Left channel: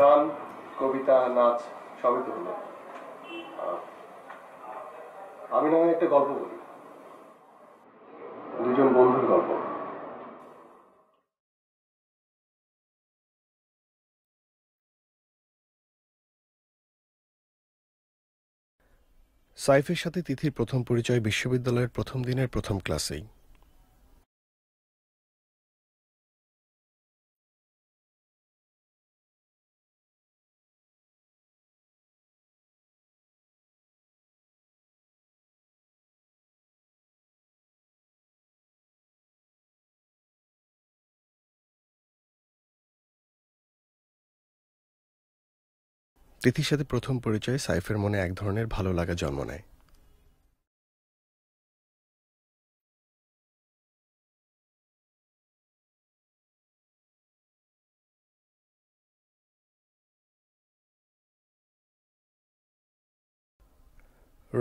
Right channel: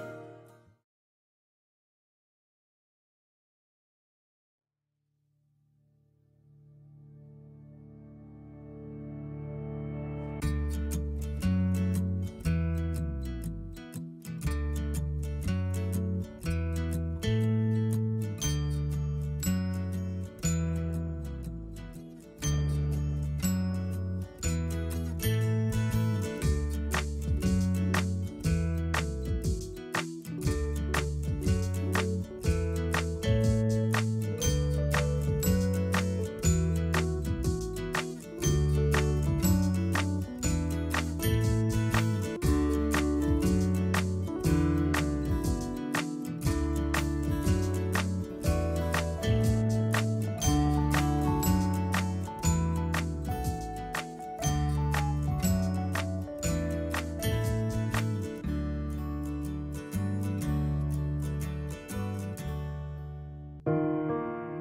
গান, কবিতা, নাচ সবই তো হলো। আমি না হয় একটা গল্প বলি, দুজন বন্ধুর গল্প। সাইফের সাথে তিথির প্রথম পরিচয় বিশ্ববিদ্যালয়ের প্রথম দিনের প্রথম ক্লাসেই। তিথির সাথে প্রথম পরিচয় সাইফের মনে এক ধরনের ভালো লাগা জন্ম নেয়।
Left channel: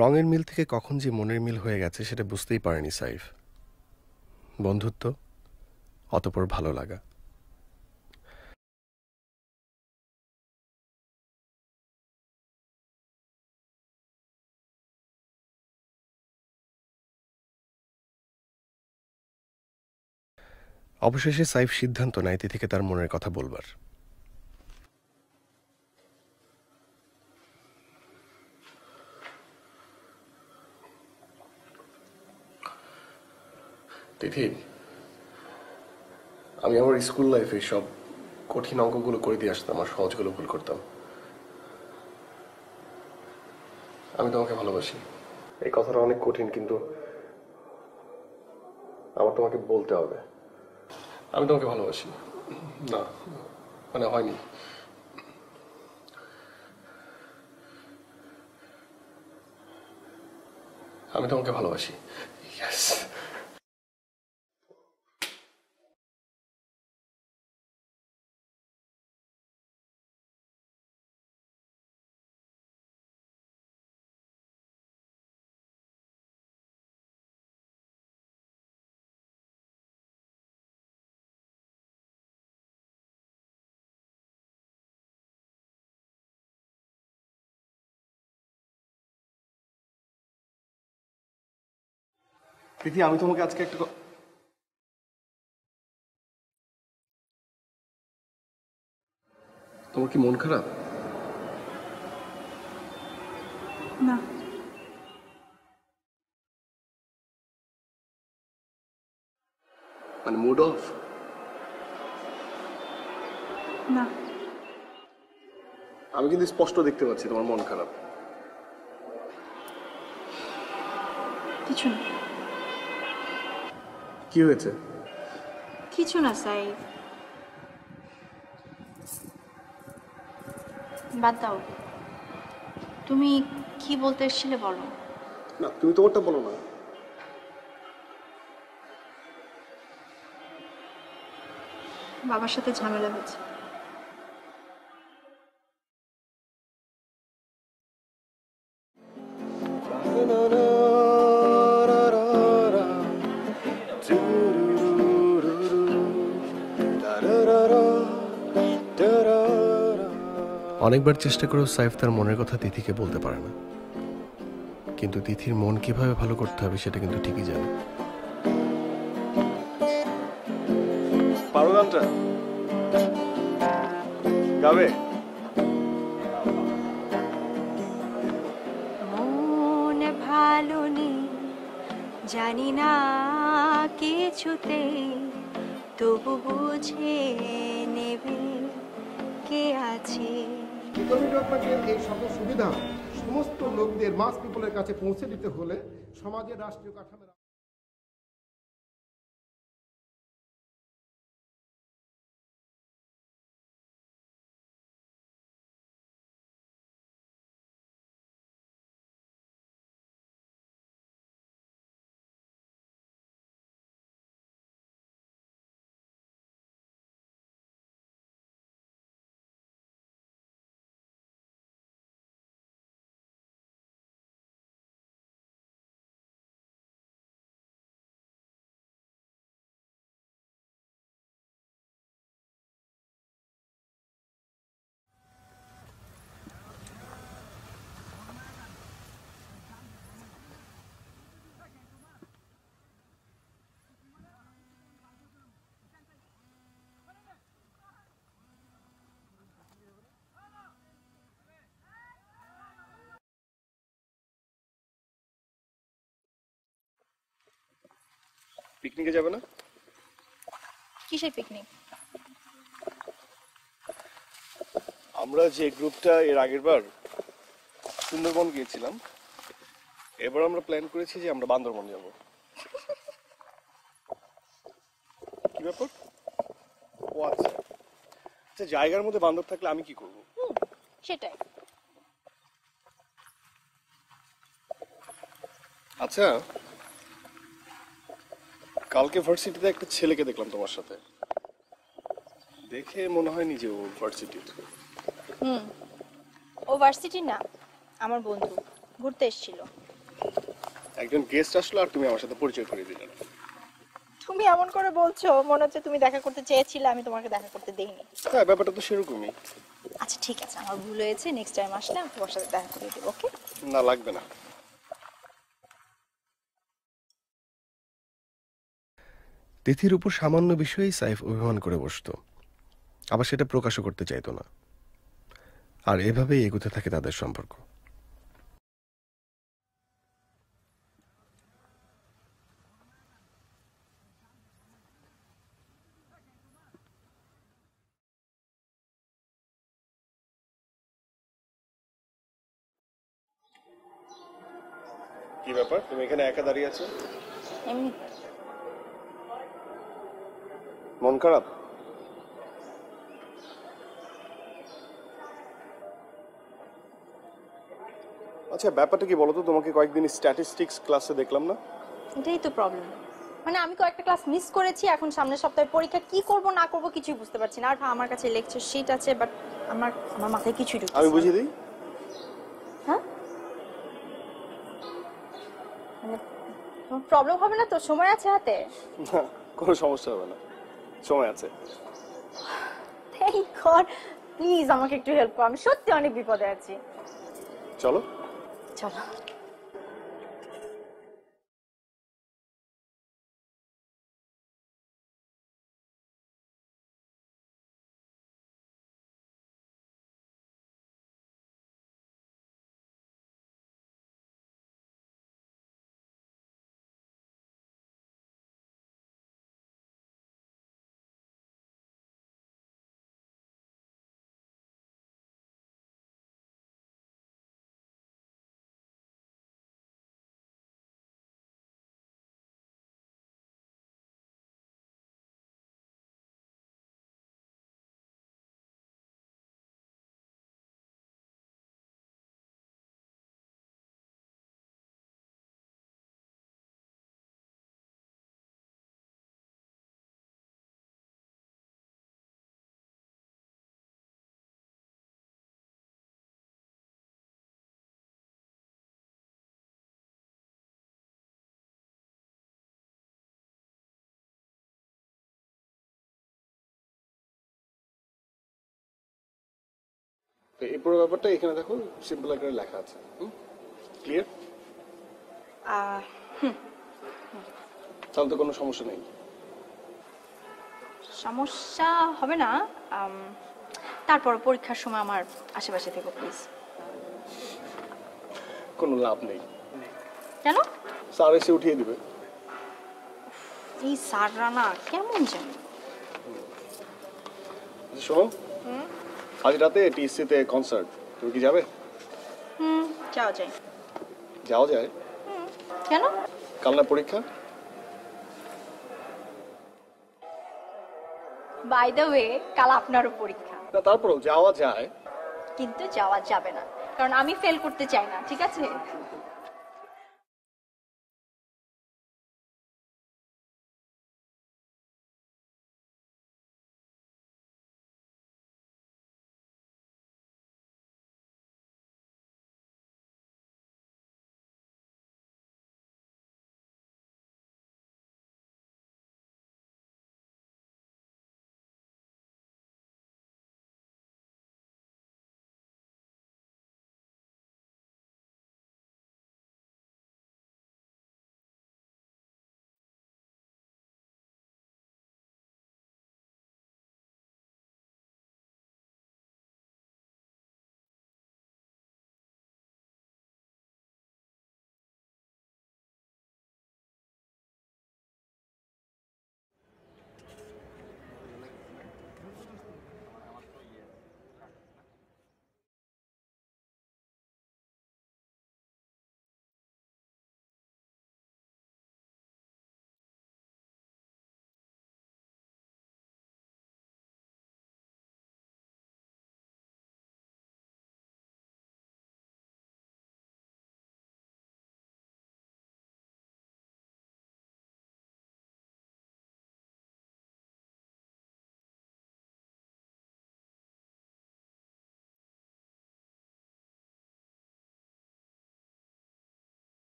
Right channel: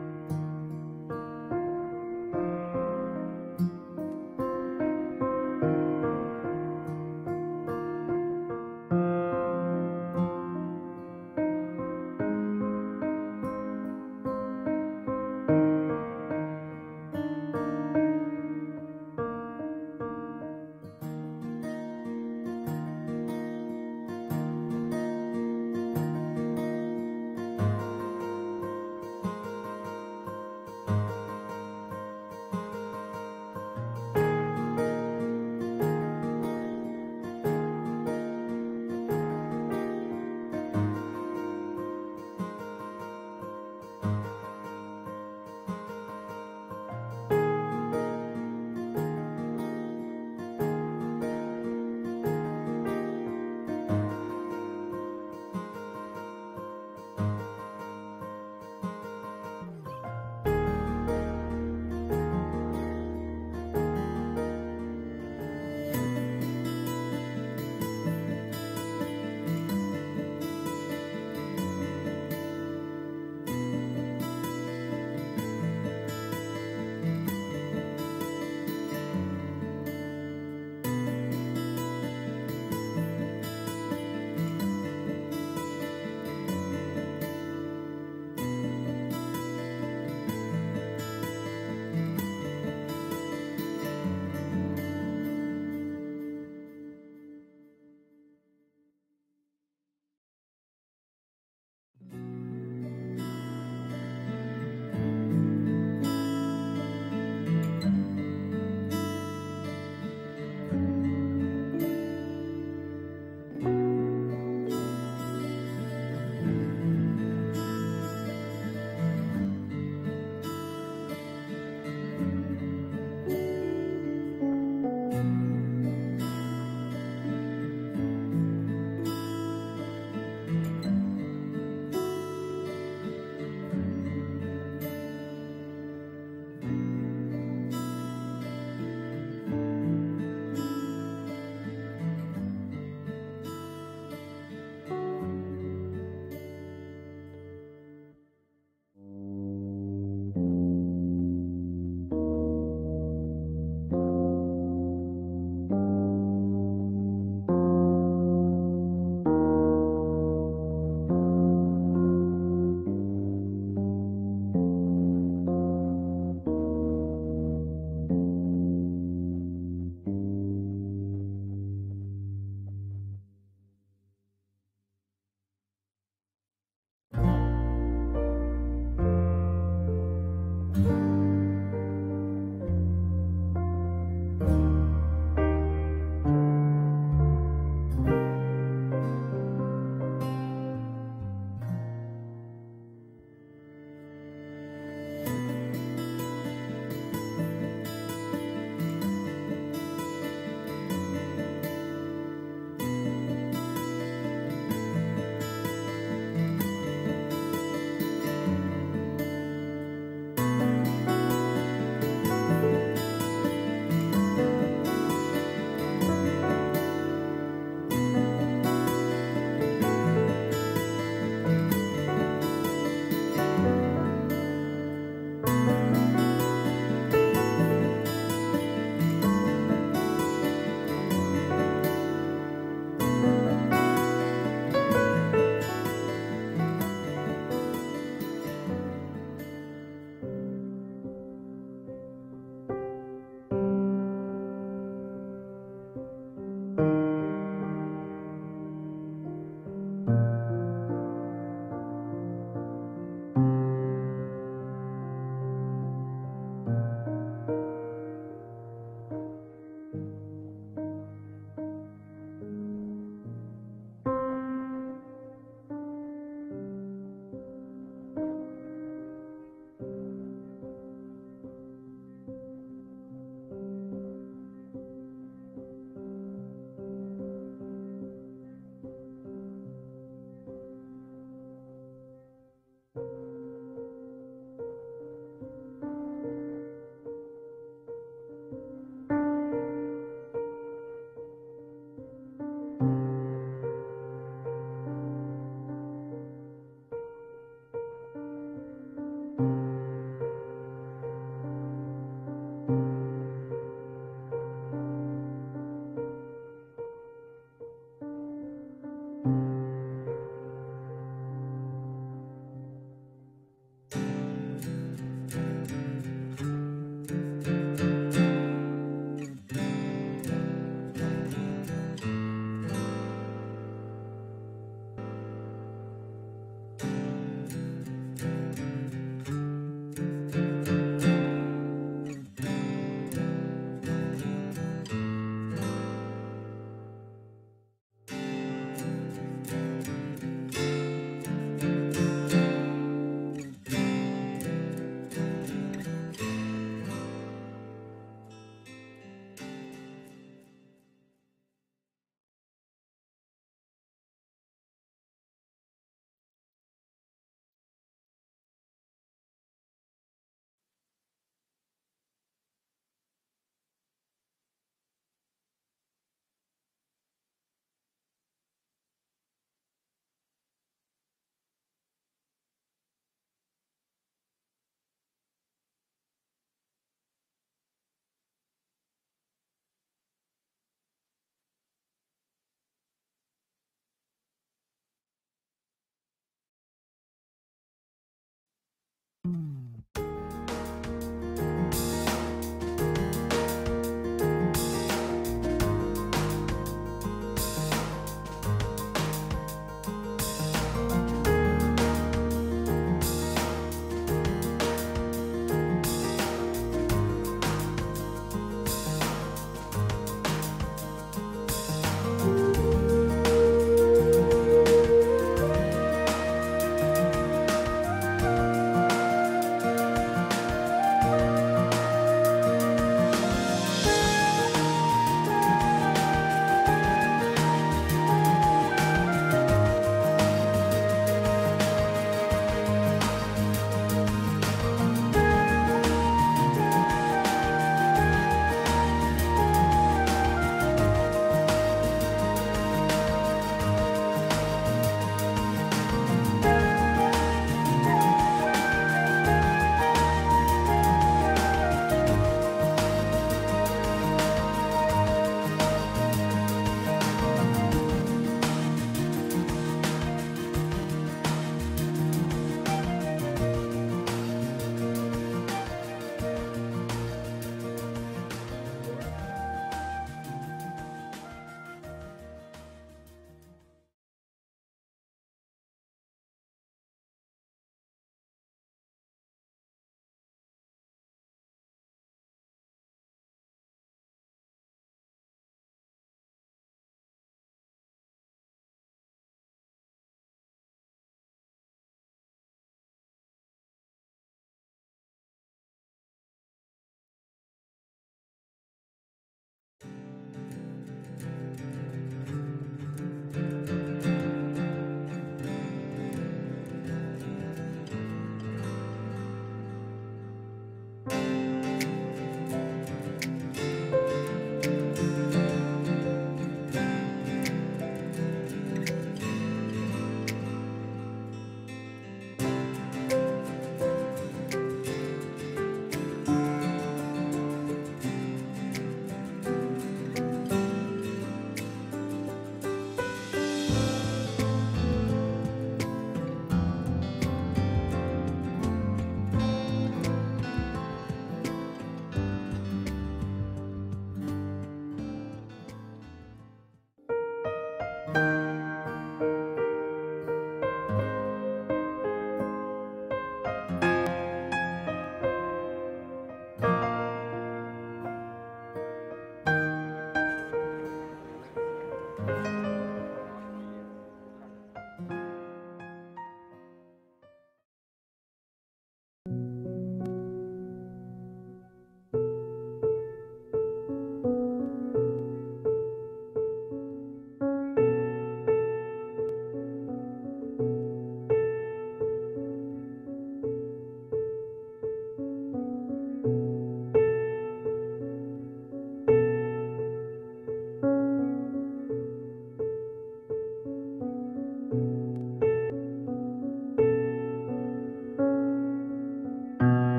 রঙের মিল থেকে কখন যে মনের মিল হয়ে গেছে সেটা বুঝতেই পারেনি সাইফ। বন্ধুত্ব, অতঃপর ভালো লাগা। অবশেষে সাইফ সিদ্ধান্ত নেয় তিথিকে তার মনের কথা বলবার। তিথি, আমি আমার স্কুল লাইফে সব কঠিন অঙ্কগুলো করে দিয়ে আসতাম আর সহজগুলো ভুল করতাম। আমি তোমাকে ভালোবাসি। এই কথাটা অনেক কঠিন, কিন্তু আমার তোমাকে বলতে হবে। আমি তোমাকে ভালোবাসি। না, মানে হয়নি। আমি তোমাকে ভালোবাসি। ইয়েস। দিদি, আমি তোমাকে আজকে একটা তোমার কি মন খারাপ? না। মানে মুড অফ? না। আমি কিন্তু স্পষ্ট দেখতে পাচ্ছি তোমার মন খারাপ। কিছু না। কি হয়েছে? কিছু না সাইফ, বাদ দাও। তুমি কি বলতে এসেছিলে বলো। না, তুমি তোমারটা বলো না। বাবার সাথে ঝামেলা হয়েছে। অনেকবার চেষ্টা করেও সাইফ তার মনের কথা তিথিকে বলতে পারে না, কিন্তু তিথির মন কিভাবে ভালো করতে হবে সেটা কিন্তু ঠিকই জানে। পারো গানটা গাবে? মন ভালো নেই জানি না কিছুতে, তবু বুঝে নেবে কে আছে। এই সকল সুবিধা সমস্ত লোকদের, মাস পিপলের কাছে পৌঁছে দিতে হলে সমাজের রাষ্ট্রের পিকনিকে যাবে না? কিসের পিকনিক? আমরা যে গ্রুপটা এর আগের বার সুন্দরবন গিয়েছিলাম, এবার আমরা প্ল্যান করেছি যে আমরা বান্দরবন যাব। কি ব্যাপার? ও আচ্ছা, আচ্ছা, জায়গার মধ্যে বান্দর থাকলে আমি কি করব? সেটাই। আচ্ছা, কালকে ভার্সিটিতে একটা ছেলেকে দেখলাম তোমার সাথে, দেখে মনে হয়নি যে ও ভার্সিটির। ও ভার্সিটি না, আমার বন্ধু, ঘুরতে এসেছিল। একজন গেস্ট আসলো আর তুমি আমার সাথে পরিচয় করে দিলে। তুমি এমন করে বলছো মনে হচ্ছে তুমি দেখা করতে চেয়েছিলে, আমি তোমাকে দেখা করতে দেইনি। হ্যাঁ, ব্যাপারটা তো সেরকমই। আচ্ছা ঠিক আছে, আমার ভুল হয়েছে, নেক্সট টাইম আসলে আমি তোমার সাথে দেখা করে দেবো। ওকে? না, লাগবে না। তিথির উপর সামান্য বিষয়েই সাইফ অভিমান করে বসতো, আবার সেটা প্রকাশও করতে চাইতো না। আর এভাবেই এগোতে থাকে তাদের সম্পর্ক। কি ব্যাপার, তুমি এখানে একা দাঁড়িয়ে আছো? এমনি। মন খারাপ? আচ্ছা, ব্যাপারটা কি বলো তো? তোমাকে কয়েকদিন স্ট্যাটিস্টিক্স ক্লাসে দেখলাম না। এটাই তো প্রবলেম, মানে আমি কয়েকটা ক্লাস মিস করেছি, এখন সামনের সপ্তাহে পরীক্ষা, কি করব না করব কিছুই বুঝতে পারছি না। আর আমার কাছে লেকচার শিট আছে, বাট আমার মাথায় কিছুই ঢুকছে না। আমি বুঝিয়ে দিই। হ্যাঁ, মানে তোমার প্রবলেম হবে না তো? সময় আছে হাতে? না, কোনো সমস্যা হবে না, সময় আছে। Thank god. প্লিজ আমাকে একটু হেল্প করো, আমি সত্যি অনেক বিপদে আছি। চলো। চলো। পুরো ব্যাপারটা এখানে দেখো, সিম্পল করে লেখা। ক্লিয়ার? তাহলে তো কোনো সমস্যা নেই। সমস্যা হবে না, তারপর পরীক্ষার সময় আমার আশেপাশে থেকো প্লিজ। কোনো লাভ নেই। কেন? স্যার এসে উঠিয়ে দিবে। এই স্যাররা না কেমন জানি। শোনো, আজ রাতে টিএসসিতে কনসার্ট, তুমি কি যাবে? যাওয়া যায়। যাওয়া যায়? কেন? কাল না পরীক্ষা? বাই দ্য ওয়ে, কাল আপনারও পরীক্ষা। না, তারপর যাওয়া যায়। কিন্তু যাওয়া যাবে না, কারণ আমি ফেল করতে চাই না, ঠিক আছে?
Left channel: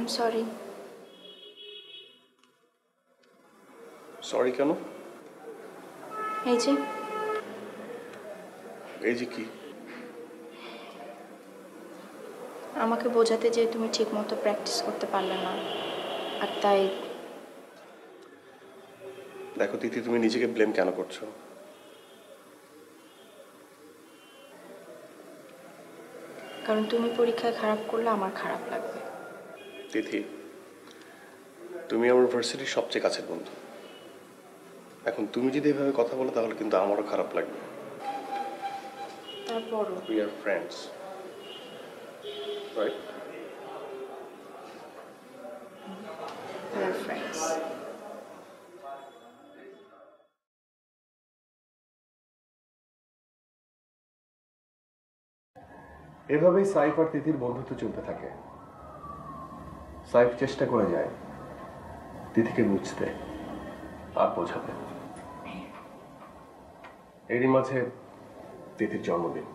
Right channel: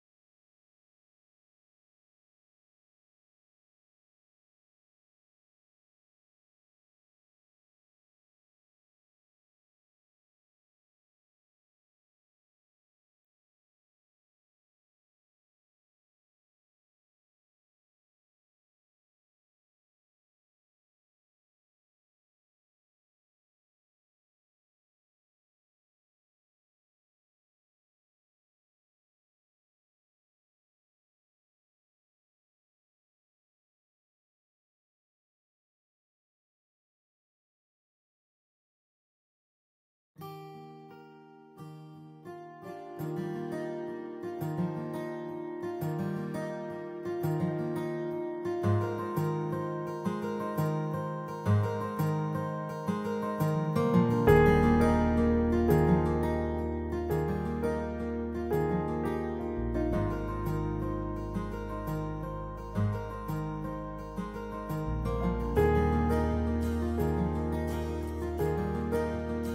I am sorry. সরি কেন? এই যে এই যে কি? আমাকে বোঝাতে যে তুমি ঠিক মতো প্র্যাকটিস করতে পারলে না, আর তাই। দেখো তিথি, তুমি নিজেকে ব্লেম কেন করছো? কারণ তুমি পরীক্ষায় খারাপ করলে আমার খারাপ লাগবে। তিথি, তুমি আমার ভার্সিটির সবচেয়ে কাছের বন্ধু। এখন তুমি যদি এভাবে কথা বলো তাহলে কিন্তু আমারও খারাপ লাগবে। তারপরও We are friends, right? we are friends. এভাবেই সাইফ আর তিথির বন্ধুত্ব চলতে থাকে। সাইফ চেষ্টা করে যায় তিথিকে বুঝতে আর বোঝাতে। এরই মাঝে তিথির জন্মদিন।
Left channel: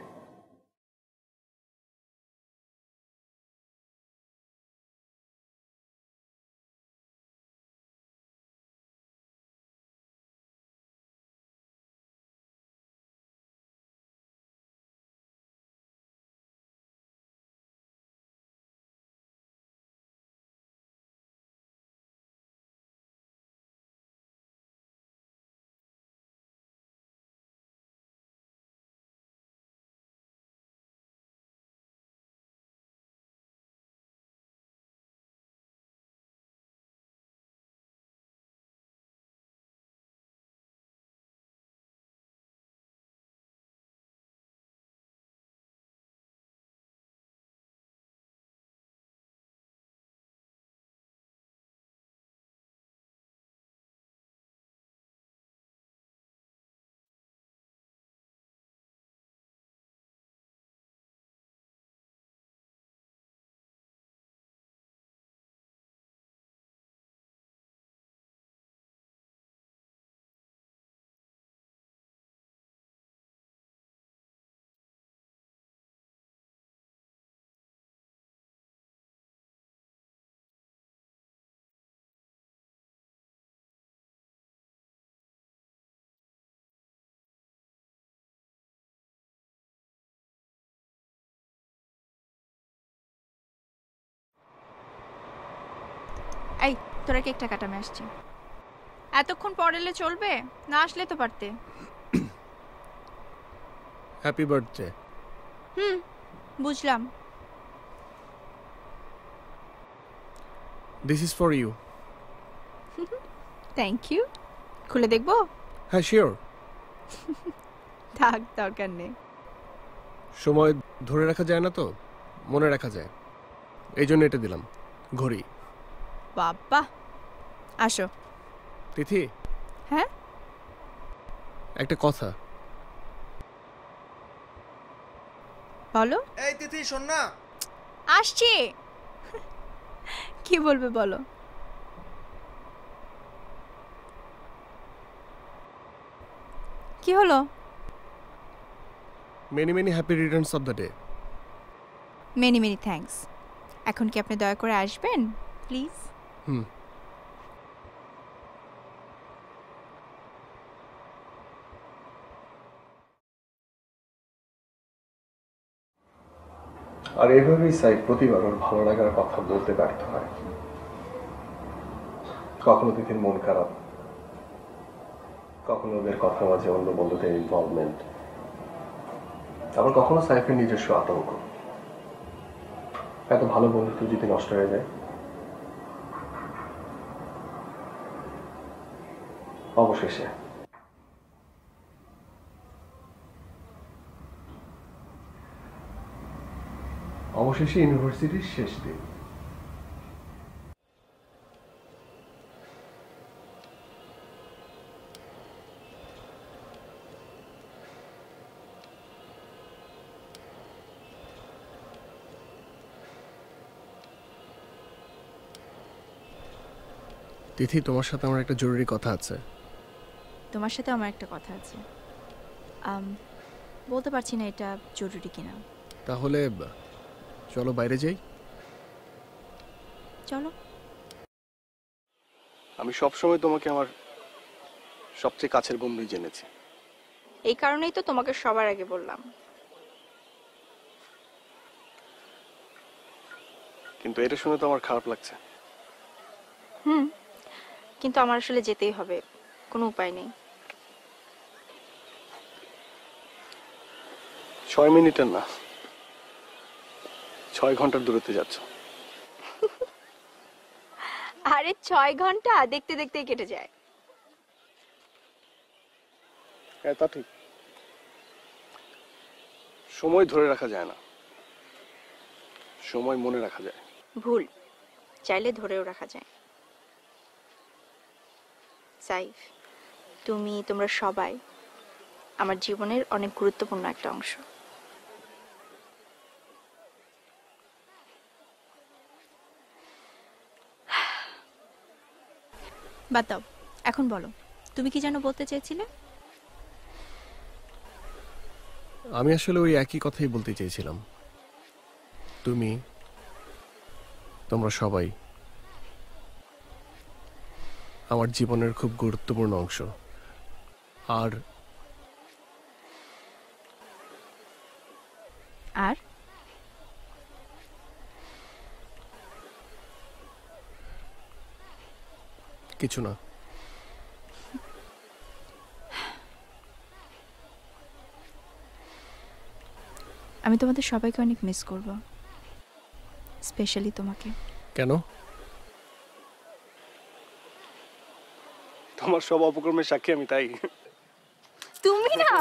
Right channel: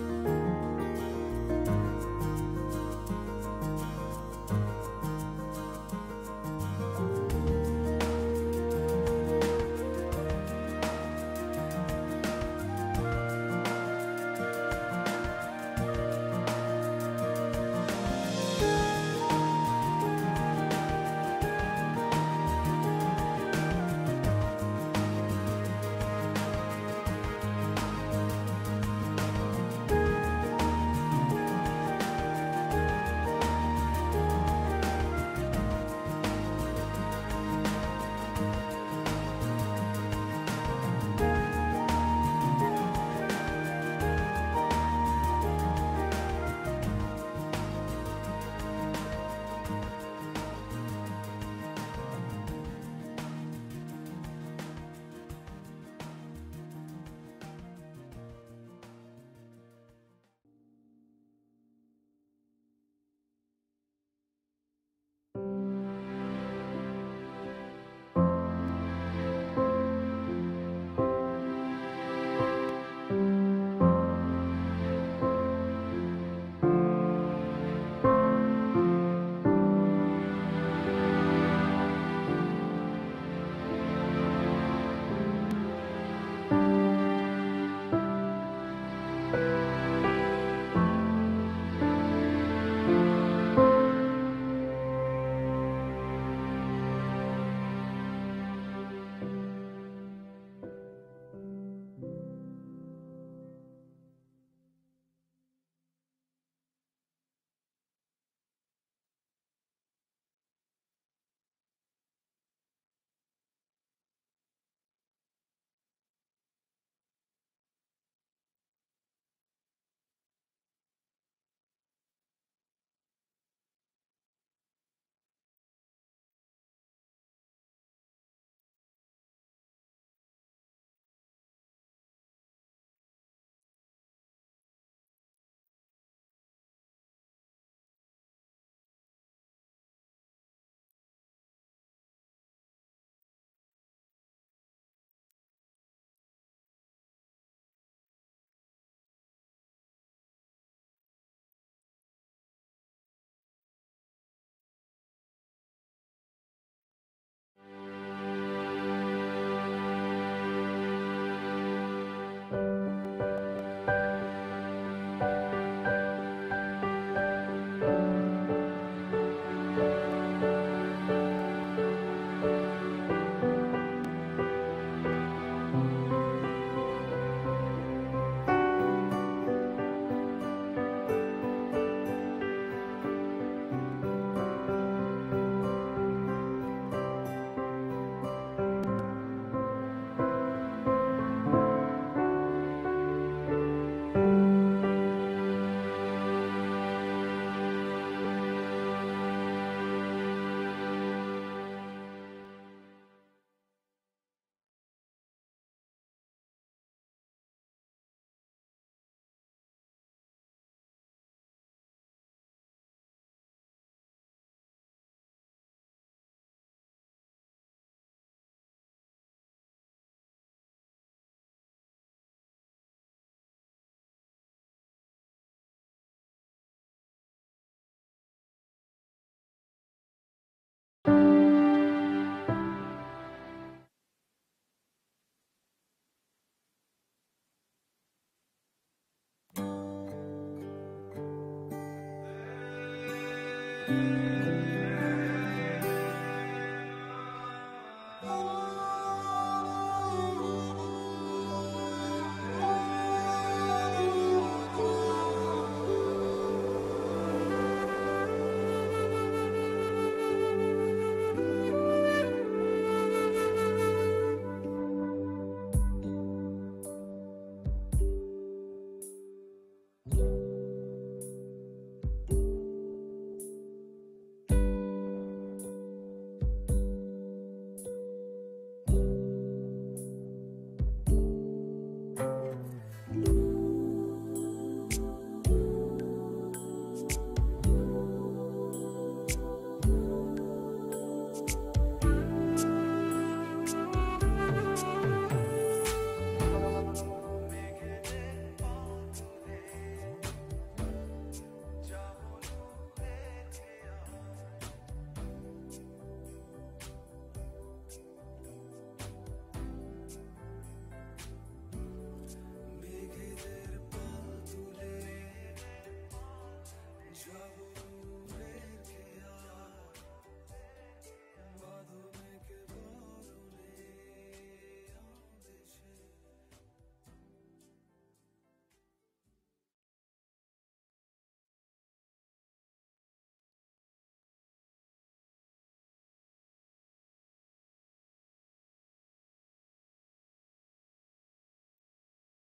এই তোরা কেকটা কাটানো আসছে। এতক্ষণ পরে এলে চলবে না? আসলে তো পারতে। Happy birthday. বুঝলাম। This is for you. Thank you. খুলে দেখবো? হ্যাঁ, শিওর। থাক, দরকার নেই। সময় ধরে রাখা যায় না তো, মনে রাখা যায়। এই জন্য এটা দিলাম, ঘড়ি। বাবা, আসো। তিথি, হ্যাঁ একটা কথা। বলো। এই তিথি শোন না। আসছি। কি বলবে বলো। কি হলো? Many many happy Returns of the day. Many many thanks. এখন কি আপনি দয়া করে আসবেন প্লিজ? হুম। আর এইভাবেই সাইড প্রতিবার ওর ভালো লাগার কথা বলতে ব্যর্থ হয়। কখনো তিথির মন খারাপ, কখনো ওদের কথা মাঝে অন্য বন্ধুদের ইনভলভমেন্ট, আবার কখনো সাইফের নিজস্ব আতঙ্ক। এত ভালো বন্ধুত্ব যদি নষ্ট হয়ে যায়, অবশেষে ইউনিভার্সিটির শেষ দিন। তিথি, তোমার সাথে আমার একটা জরুরি কথা আছে। তোমার সাথে আমার একটা কথা আছে। বলতে পারছি না এটা জরুরি কিনা। তাহলে চলো বাইরে যাই। চলো। আমি সবসময় তোমাকে আমার সবচেয়ে কাছের বন্ধুই জেনেছি। এই কারণেই তো তোমাকে সবার আগে বললাম। কিন্তু এটা শুনে তো আমার খারাপ লাগছে। কিন্তু আমার আসলে যেতেই হবে, কোনো উপায় নেই। 6 মিনিটের না, 6 ঘন্টার দূরত্বে যাচ্ছে। আরে 6 ঘন্টা দেখতে দেখতে কেটে যায়। হ্যাঁ, তা ঠিক। সময় ধরে রাখা যায় না, সময় মনে রাখা যায়। ভুল, চাইলে ধরেও রাখা যায়। সাইফ, তুমি, তোমরা সবাই আমার জীবনের অনেক গুরুত্বপূর্ণ একটা অংশ। বাদ দাও, এখন বলো তুমি কি যেন বলতে চেয়েছিলে? আমি আসলে ওই একই কথাই বলতে চেয়েছিলাম। তুমি, তোমরা সবাই আমার জীবনের খুব গুরুত্বপূর্ণ অংশ। আর আর কিছু না। আমি তোমাদের সবাইকে অনেক মিস করব, স্পেশালি তোমাকে। কেন? তোমার সব অপকর্মের সাক্ষী আমি, তাই? তুমি না।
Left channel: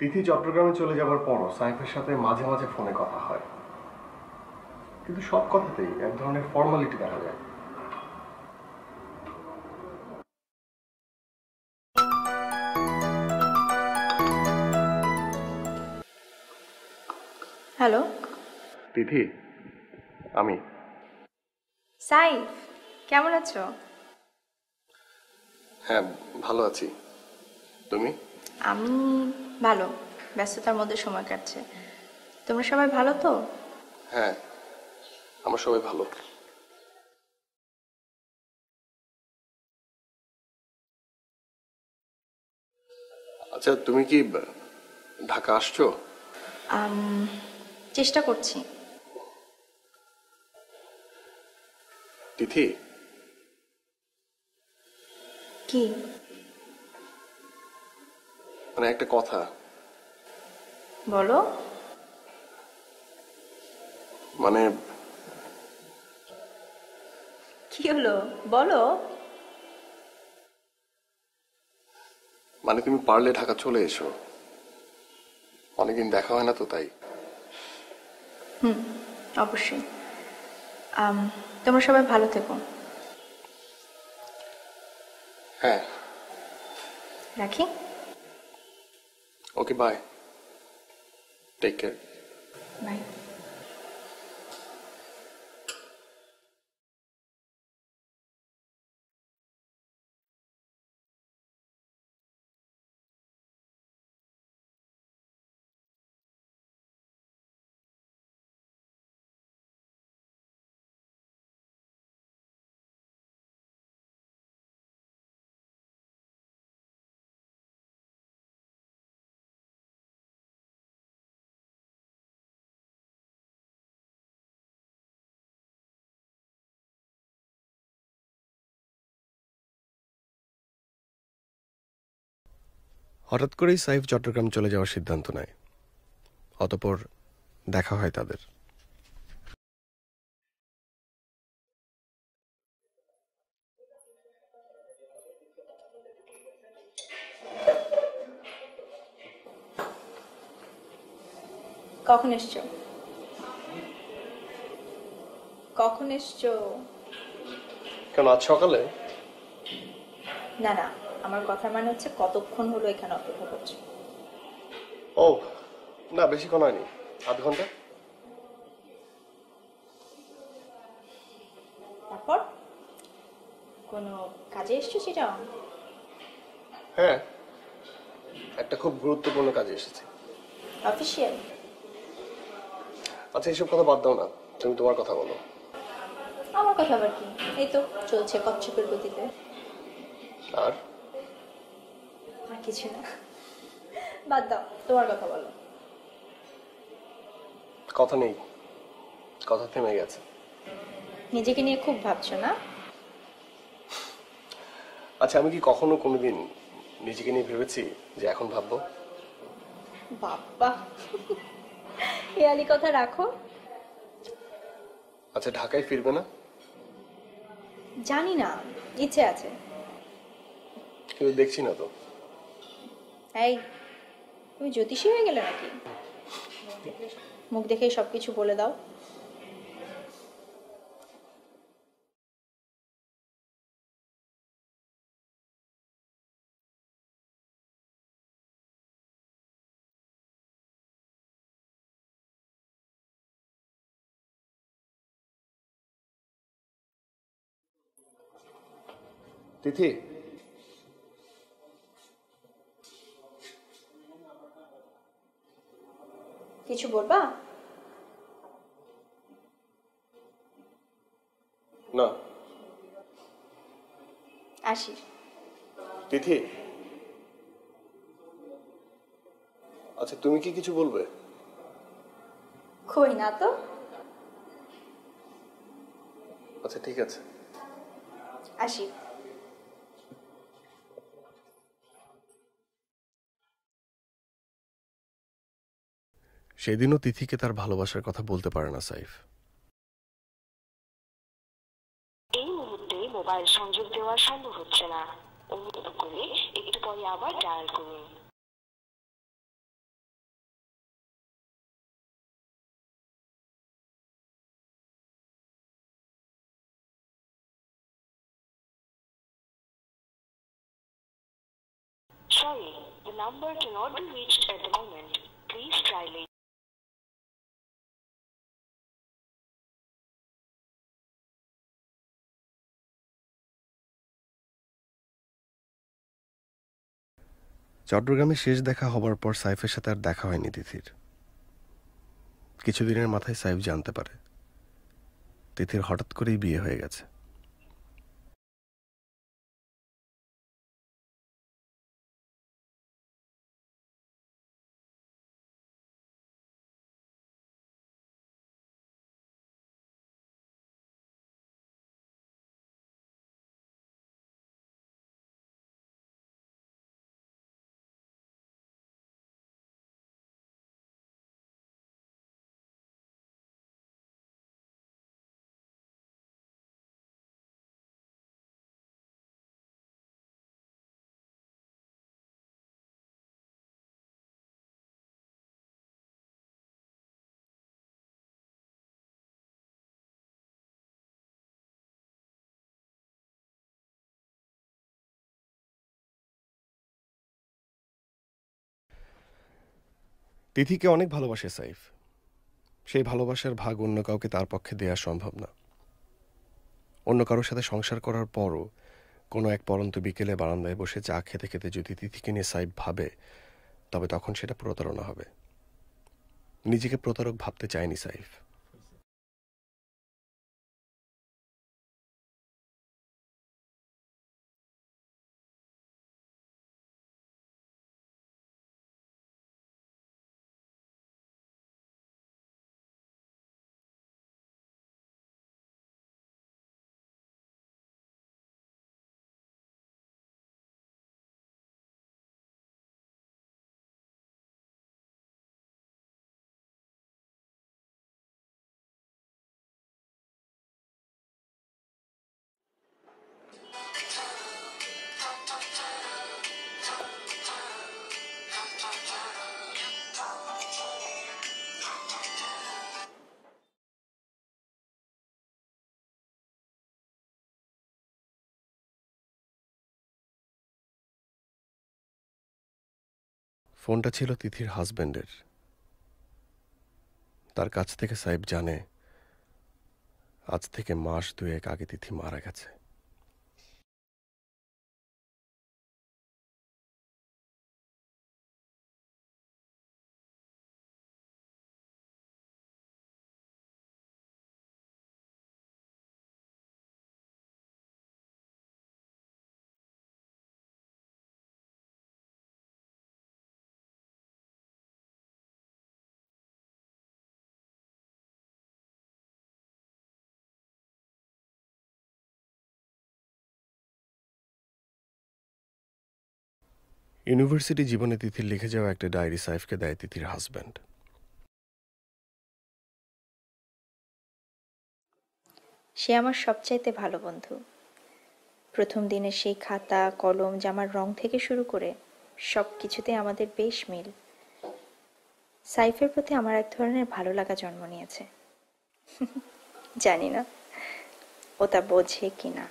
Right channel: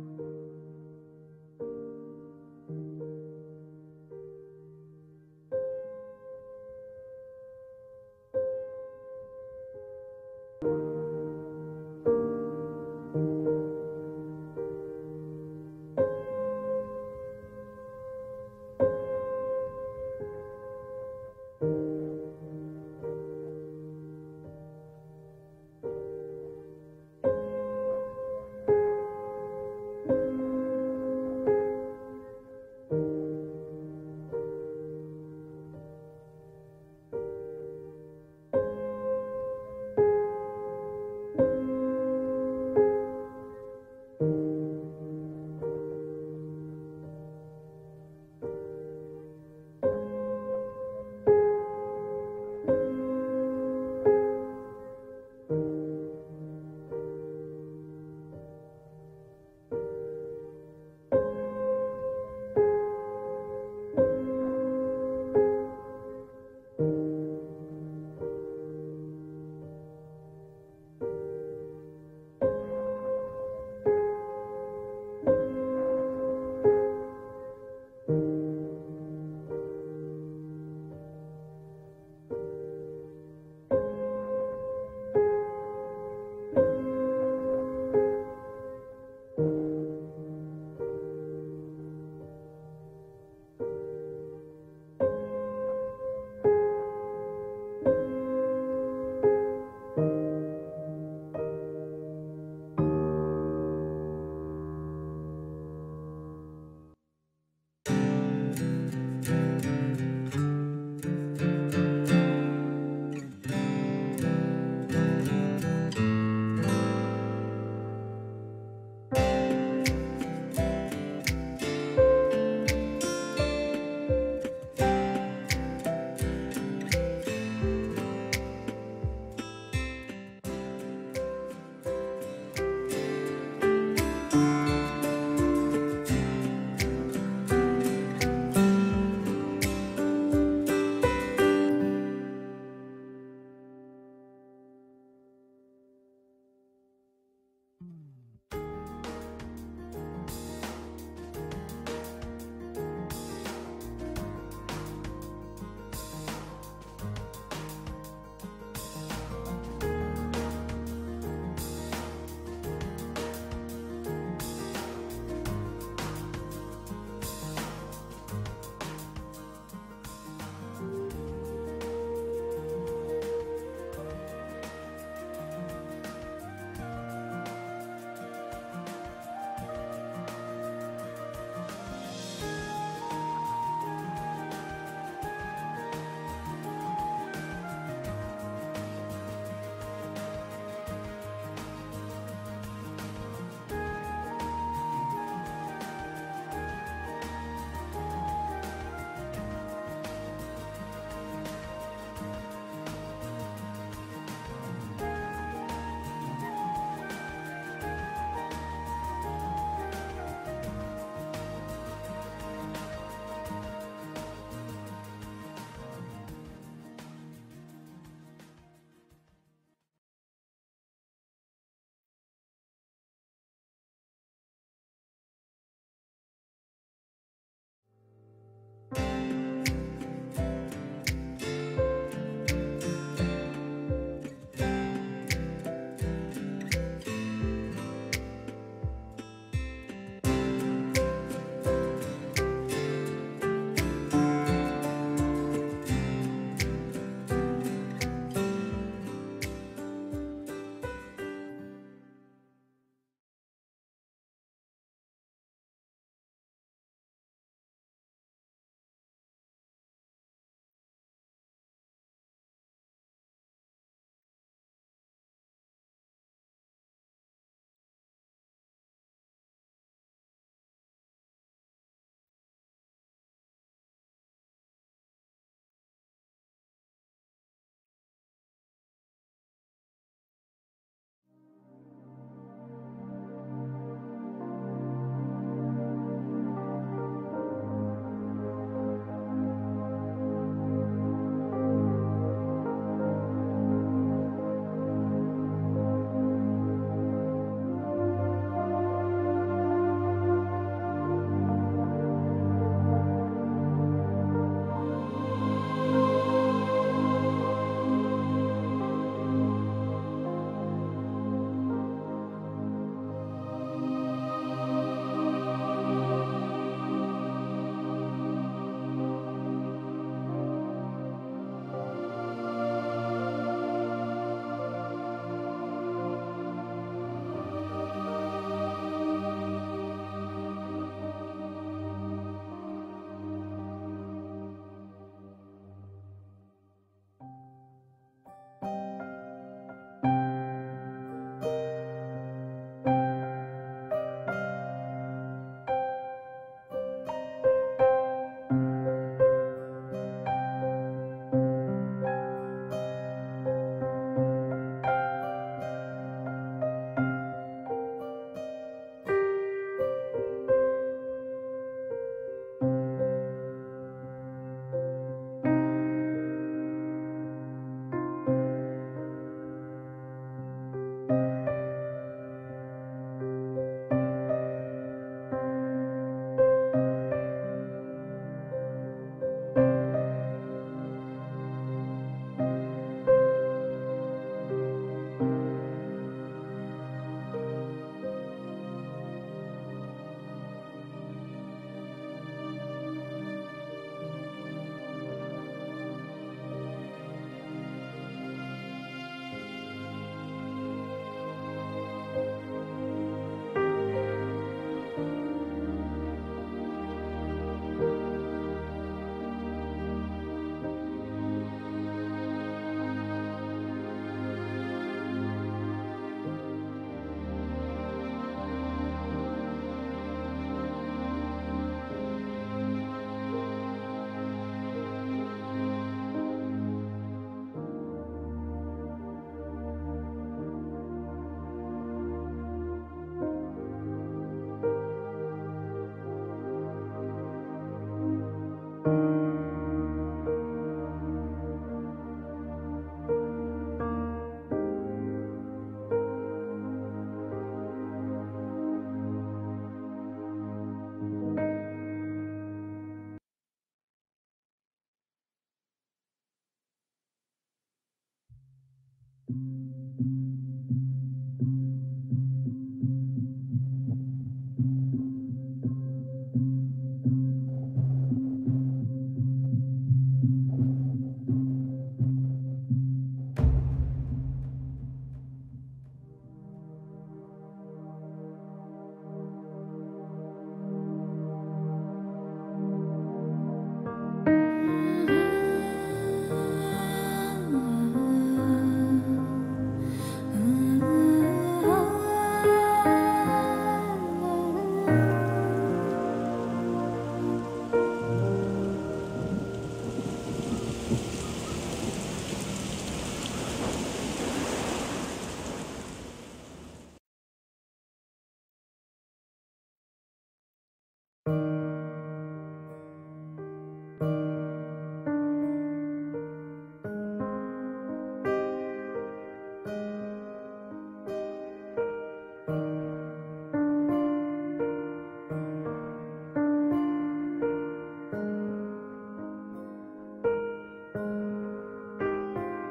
তিথি চট্টগ্রামে চলে যাবার পরও সাইফের সাথে মাঝে মাঝে ফোনে কথা হয়, কিন্তু সব কথাতেই এক ধরনের ফর্মালিটি দেখা যায়। হ্যালো তিথি, আমি। সাইফ, কেমন আছো? হ্যাঁ, ভালো আছি। তুমি? আমি ভালো, ব্যস্ততার মধ্যে সময় কাটছে। তোমরা সবাই ভালো তো? হ্যাঁ, আমরা সবাই ভালো। আচ্ছা, তুমি কি ঢাকা আসছো? চেষ্টা করছি। তিথি, কি? মানে একটা কথা। বলো। মানে কি হলো বলো। মানে তুমি পারলে ঢাকা চলে এসো, অনেকদিন দেখা হয় না তো, তাই। অবশ্যই। তোমরা সবাই ভালো থেকো। হ্যাঁ, রাখি। ওকে, বাই, টেক কেয়ার। বাই। হঠাৎ করেই সাইফ চট্টগ্রাম চলে যাওয়ার সিদ্ধান্ত নেয়। অতঃপর দেখা হয় তাদের। কখন এসছো? কখন এসছো? কেন আজ সকালে? না না, আমার কথা মানে হচ্ছে কতক্ষণ হলো এখানে অপেক্ষা করছো? ও না, বেশিক্ষণ হয়নি, আধ ঘন্টা। তারপর কোনো কাজে এসছো সেটা? হ্যাঁ, একটা খুব গুরুত্বপূর্ণ কাজে এসেছে। অফিসিয়াল? আচ্ছা, এইসব কথা বাদ দাও না, তুমি তোমার কথা বলো। আমার কথা আবার কি? এই তো চলছে কচ্ছপের গতিতে। আর আর কিছু না, বাদ দাও, তোমার কথা বলো। কথা নেই, কথা থেমে গেছে। নিজেকে নিয়ে খুব ভাবছো না? আচ্ছা, আমি কি কখনো কোনোদিন নিজেকে নিয়ে ভেবেছি যে এখন ভাববো? বাবা, হেয়ালি কথা রাখো। আচ্ছা, ঢাকায় ফিরবে না? জানি না, ইচ্ছে আছে। কিন্তু দেখছি না তো। এই, তুমি জ্যোতিষী হয়ে গেলে নাকি? মুখ দেখেই সবকিছু বলে দাও। তিথি, কিছু বলবা? না। আসি। তিথি, আচ্ছা তুমি কি কিছু বলবে? কই না তো। আচ্ছা ঠিক আছে। আসি। সেদিনও তিথিকে তার ভালোবাসার কথা বলতে পারে না সাইফ। এই মুহূর্তে মোবাইল সংযোগ দেওয়া সম্ভব হচ্ছে না। অনুগ্রহ করে একটু পরে আবার ডায়াল করুন। Sorry, the number cannot be reached at the moment. Please try it. চট্টগ্রামে শেষ দেখা হবার পর সাইফের সাথে আর দেখা হয়নি তিথির। কিছুদিনের মাথায় সাইফ জানতে পারে তিথির হঠাৎ করেই বিয়ে হয়ে গেছে। তিথিকে অনেক ভালোবাসে সাইফ। সেই ভালোবাসার ভাগ অন্য কাউকে তার পক্ষে দেওয়া সম্ভব না। অন্য কারোর সাথে সংসার করার পরও কোনো এক পরন্ত বিকেলে বারান্দায় বসে চা খেতে খেতে যদি তিথিকে নিয়ে সাইফ ভাবে, তবে তখন সেটা প্রতারণা হবে। নিজেকে প্রতারক ভাবতে চায়নি সাইফ। ফোনটা ছিল তিথির হাজবেন্ডের। তার কাছ থেকে সাইফ জানে আজ থেকে মাস 2 আগে তিথি মারা গেছে। ইউনিভার্সিটি জীবনে তিথির লিখে যাওয়া একটা ডায়েরি সাইফকে দেয় তিথির হাজব্যান্ড। সে আমার সবচাইতে ভালো বন্ধু। প্রথম দিনের সেই খাতা, কলম, জামার রং থেকে শুরু করে সব কিছুতে আমাদের বেশ মিল। সাইফের প্রতি আমার এক ধরনের ভালো লাগা জন্ম নিয়েছে। জানি না ও তা বোঝে কিনা।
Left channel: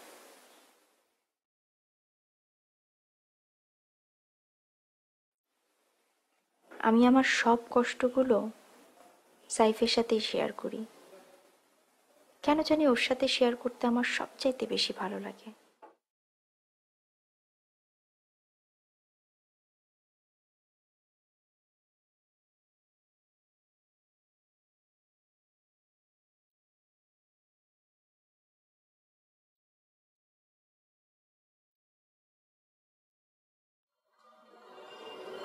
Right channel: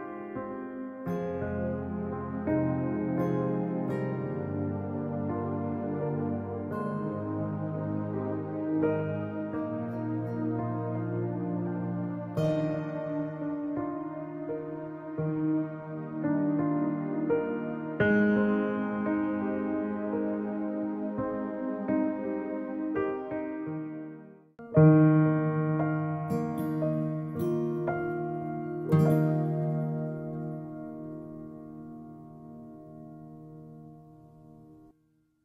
আমি আমার সব কষ্টগুলো সাইফের সাথে শেয়ার করি। কেন জানি ওর সাথে শেয়ার করতে আমার সবচাইতে বেশি ভালো লাগে।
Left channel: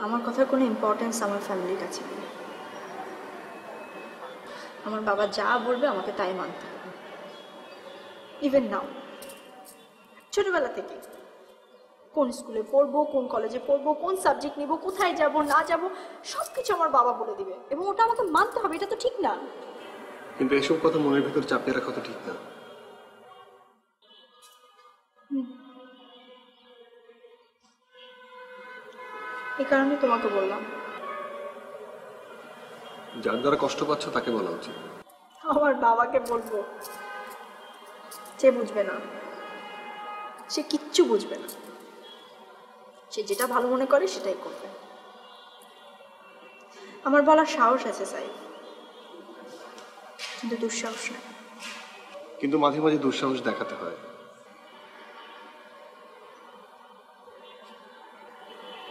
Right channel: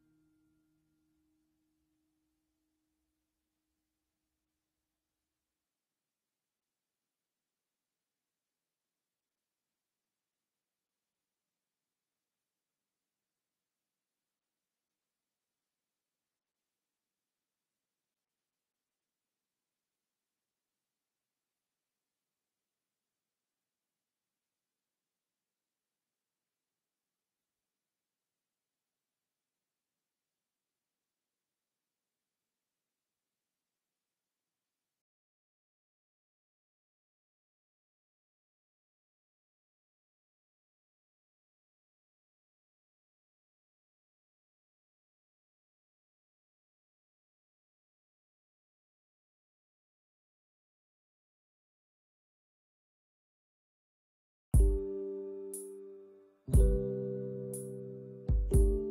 আমার কথার কোনো ইম্পর্টেন্স আমার ফ্যামিলির কাছে নেই। আমার বাবা যা বলবে আমাকে তাই মানতে হবে। ইভেন নাও, ছোটবেলা থেকে কোন স্কুলে পড়বো, কোন কলেজে পড়বো, কোন সাবজেক্ট নিব, কোথায় যাব না যাব, সবকিছু আমার বাবা বলে দিবে এবং ওটা আমাকে মানতে হবে। এটা তো ঠিক না। কিন্তু এসব কথা মনের ভিতর চাপিয়ে রাখা তো ঠিক না। এই কারণে তোমাকে বললাম, যার দ্বারা কষ্ট পাচ্ছ তাকে বলা উচিত। আমার বাবাকে বলবো, সে বুঝবে না, সে কিচ্ছু বুঝবে না। সে যেটা ভালো মনে করে সেটাই করবে। আমার বলার সাহস আছে সাইফ, কিন্তু দুঃসাহস না। কিন্তু মাঝে মাঝে দুঃসাহস দেখাতে হয়।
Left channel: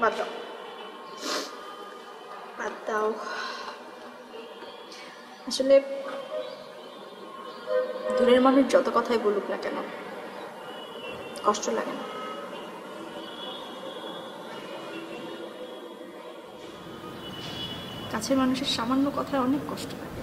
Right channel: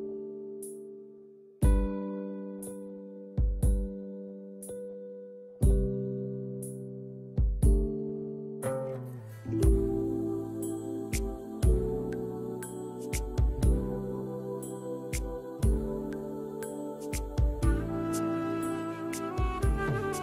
বাদ দাও, বাদ দাও। আসলে দূরের মানুষ যত কথাই বলুক না কেন, কষ্ট লাগে না। কাছের মানুষের সামান্য কথায় অনেক কষ্ট লাগে।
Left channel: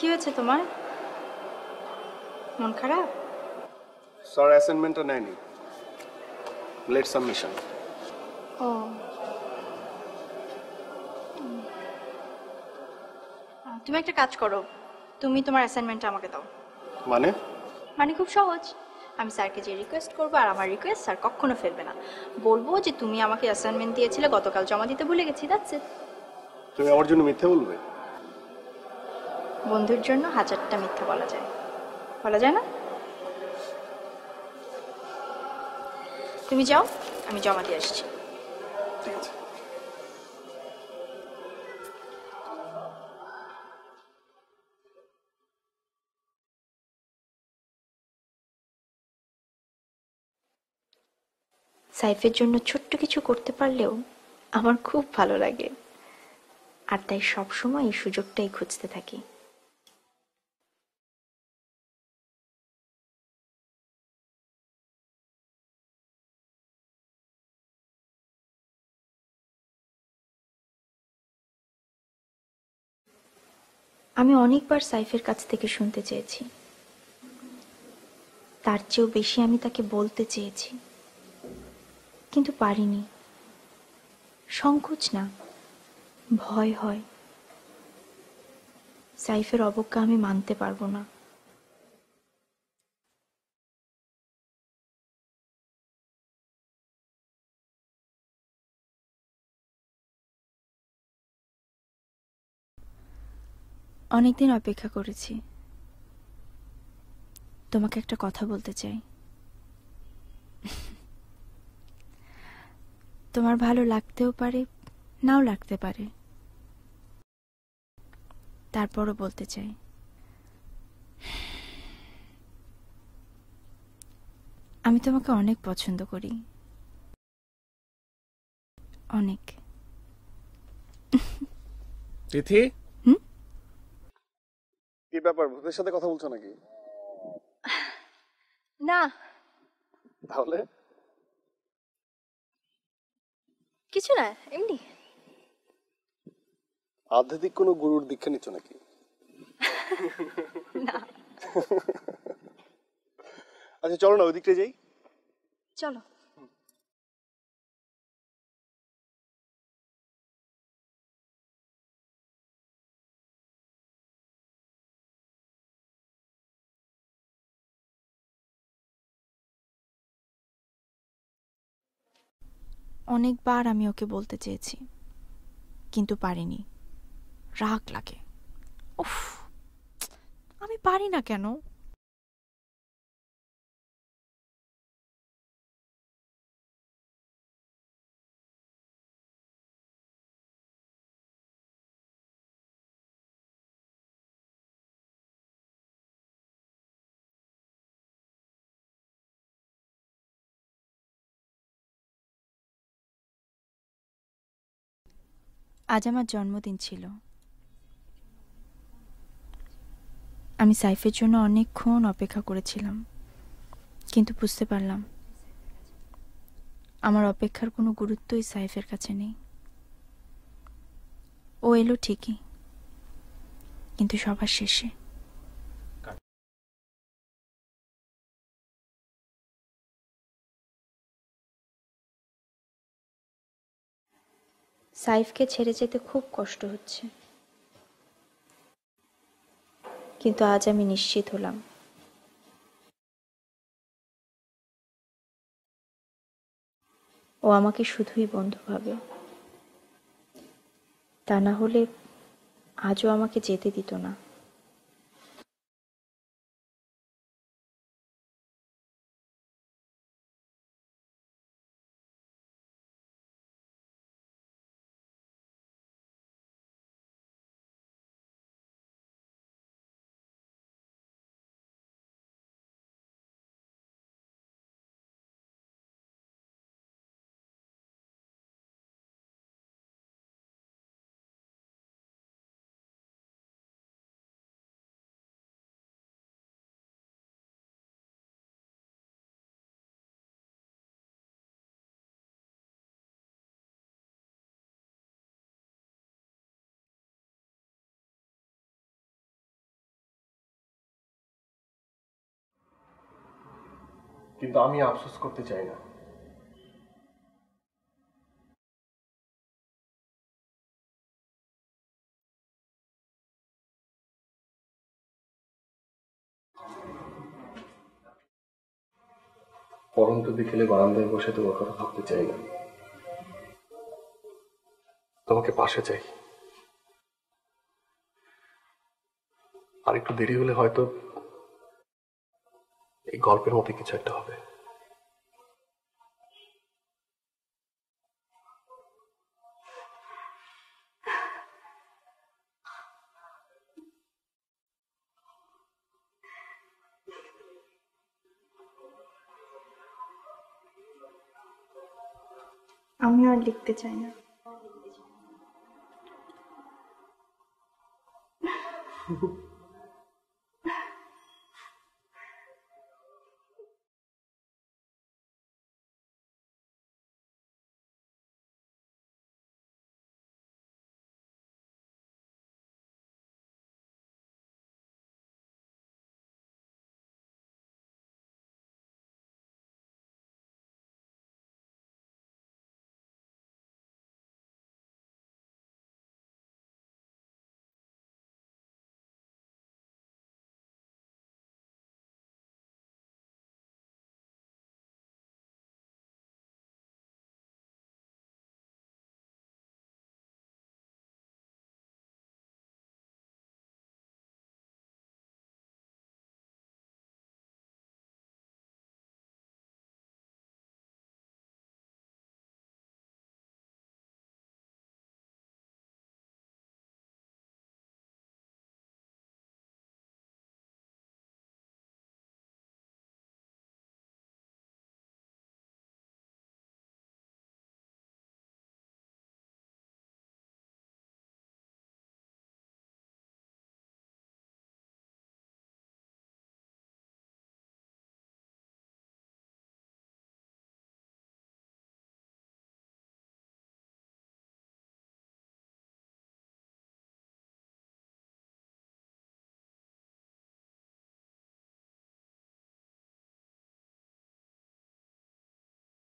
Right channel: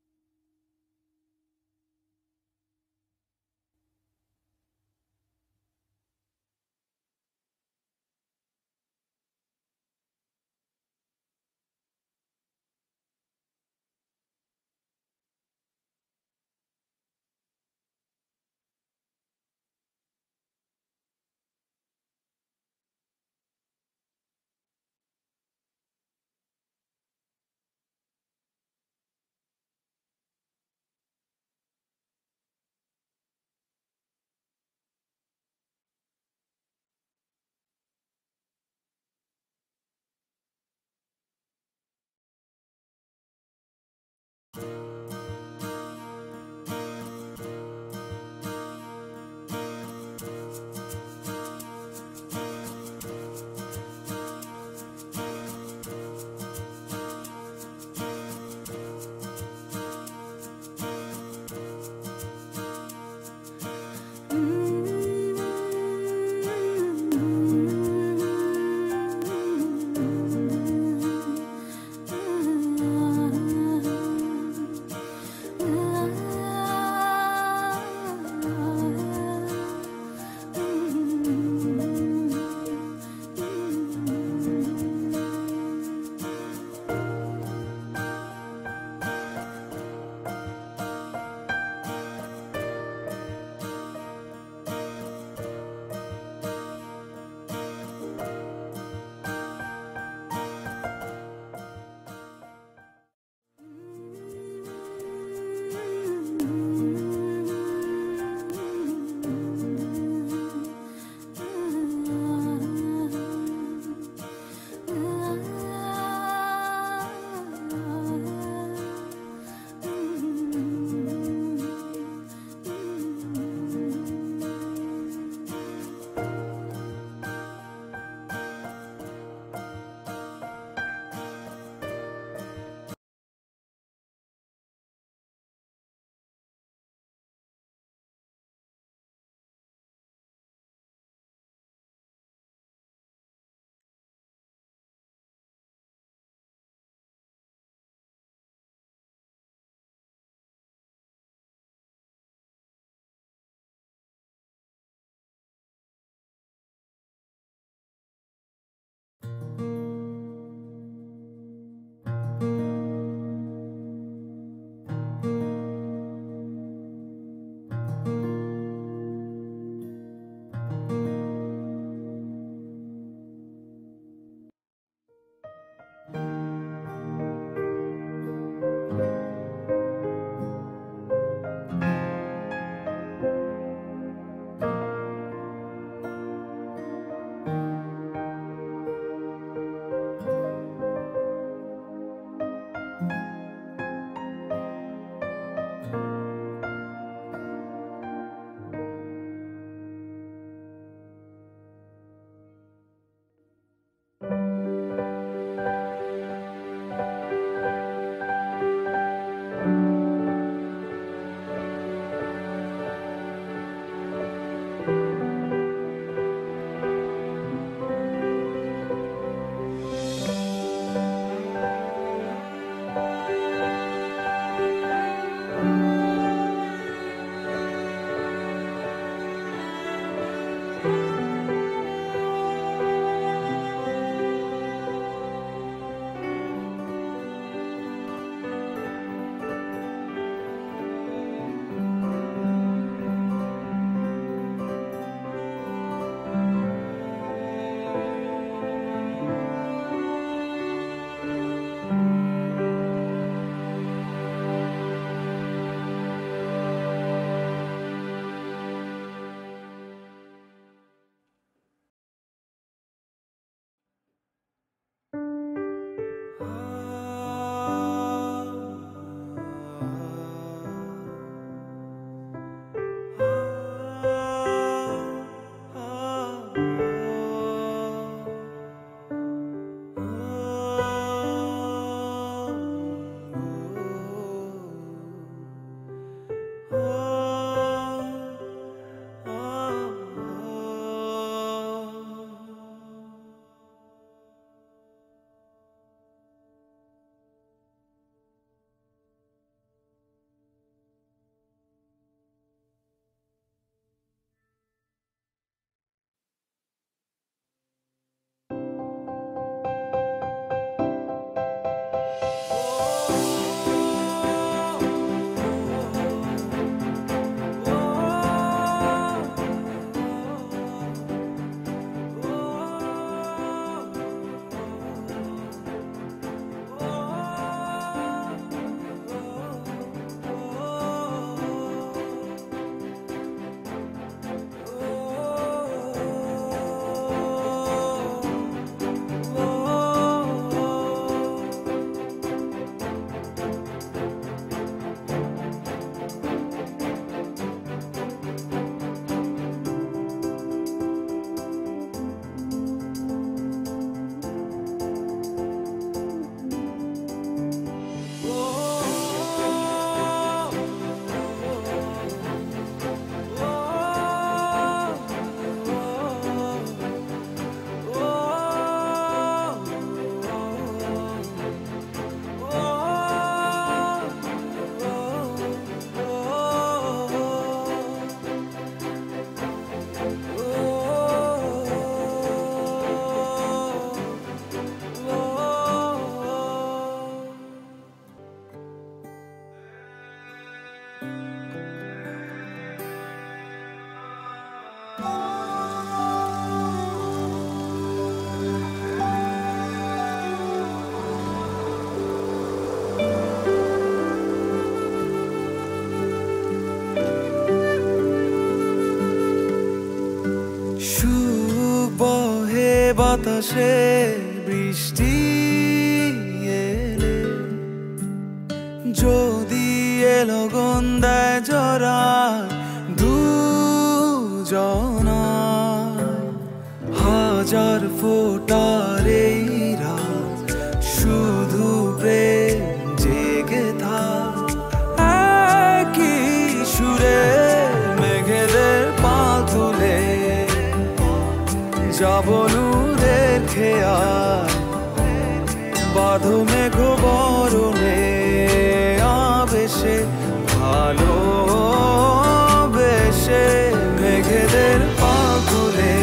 কি হয়েছে তোমার? মন খারাপ? স্যার অ্যাসাইনমেন্টটা নেয়নি, লেট সাবমিশন। ও, তুমি একটা কাজ করো, তুমি তোমার অ্যাসাইনমেন্টটা আমাকে দাও। মানে? মানে খুব সহজ। আমি স্যারকে যে রিকোয়েস্ট করবো, আর আমার রিকোয়েস্ট স্যার কখনো ফেলবে না। বলবো যে তুমি আমাকে অ্যাসাইনমেন্ট দিয়েছিলে, গতকাল জমা দিতে ভুলে গেছি, দ্যাটস ইট। তুমি আমার জন্য মিথ্যে বলবে? বন্ধুর জন্য 1000টা মিথ্যা বলা যায়, বলা যায় না? তুমি যাও, আমি জমা দিয়ে আসছি। ঠিক আছে। সাইফের জন্য ছোট্ট কিছু করতে পারলেও আমার খুব ভালো লাগে, আর তাই সবসময় এই সুযোগটাই খুঁজতে থাকি। আমি অনেকবার সাইফের কাছ থেকে শুনতে চেয়েছি চেয়েও বেশি আমি তাকে বলতে চেয়েছি, কিন্তু পারিনি। সংকোচ না, ভয় হয়। সাইফের অবজ্ঞা আমি মানতে পারবো না। অনেকদিন অপেক্ষা করেছি, তোমাকে একটা কথা বলতে চাই। তোমার ভালো লাগতেও পারে, নাও লাগতে পারে, তারপরও বলতে চাই। আমি তোমাকে অনেক পছন্দ করি, অনেক। তিথি, কি ব্যাপার, ভূতের সাথে কথা বলছো নাকি? না, তাহলে কিছু না, এমনি। আধ্যাত্মিক কোনো গুরুর দীক্ষা নিচ্ছ নাকি? না, আচ্ছা চলো না, ওই দিকটা যাই। চলো। অনেকবার আমি ওকে বলতে চেয়েছি, কিন্তু পারিনি। রাগ লাগে। উফ, আমি পারি না কেন? আজ আমার জন্মদিন ছিল। আমি সাইফের জন্য অনেকক্ষণ অপেক্ষা করেছিলাম, কিন্তু বুঝতে পারলাম আমার অপেক্ষার কোনো গুরুত্বই সাইফের কাছে নেই। ও এলো ঠিকই, কিন্তু সবার শেষে। সাইফকে ছেড়ে যেতে খুব কষ্ট হচ্ছে, কিন্তু আজ আমি নিশ্চিত হলাম ও আমাকে শুধুই বন্ধু ভাবে। তা না হলে আজও আমাকে যেতে দিত না। কিন্তু আমি আফসোস করতে চাই না। পরমতে দেখলে বারান্দায় বসে তোমার কথা ভাবতে চাই না, তোমাকে পাশে চাই। আর একটু দেরি হলে হয়তো এই গল্পের মতো কিছু একটা হবে। আমি আর লিখতে চাই না। বাতাসে বৃষ্টি এলে যদি এলো গন্ধায় জড়ায় দুজনা হাজার ফোটার এই রাত শুধু প্রেম জেগে থাক একই সুরে মেঘেদের পা তুলে যাব নূরের খেয়াল বাঁধো মেঘ বরণে আবেশে ভালোবেসে মেঘেদের পা তুলে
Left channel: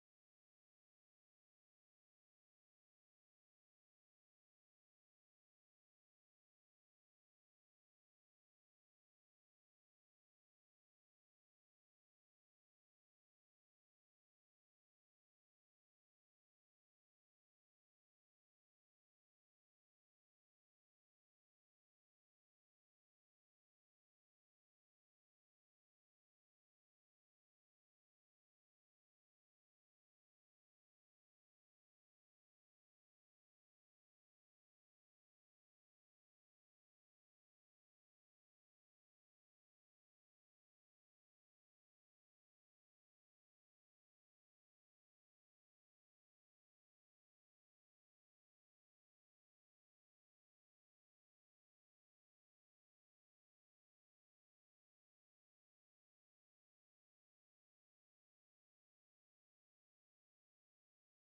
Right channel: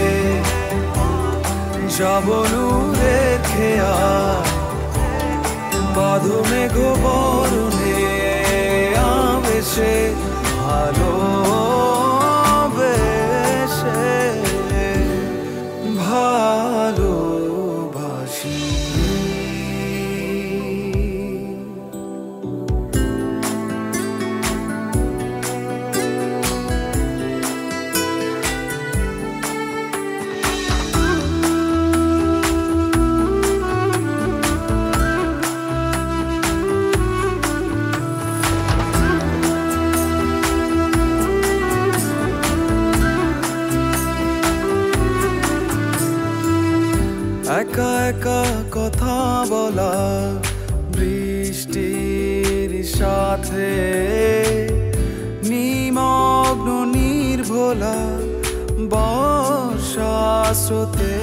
যাব নূরের খেয়াল বাঁধো মেঘ বরণে আবেশে ভালোবেসে ভালোবাসি একা একা কথা বলা বৃষ্টির সাথে নিমগ্ন নির্ভোলা বর্ষা স্রোতে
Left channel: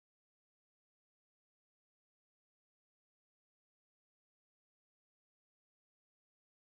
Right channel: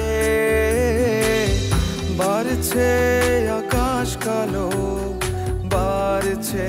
বাড়ছে আকাশ কালো বাড়ছে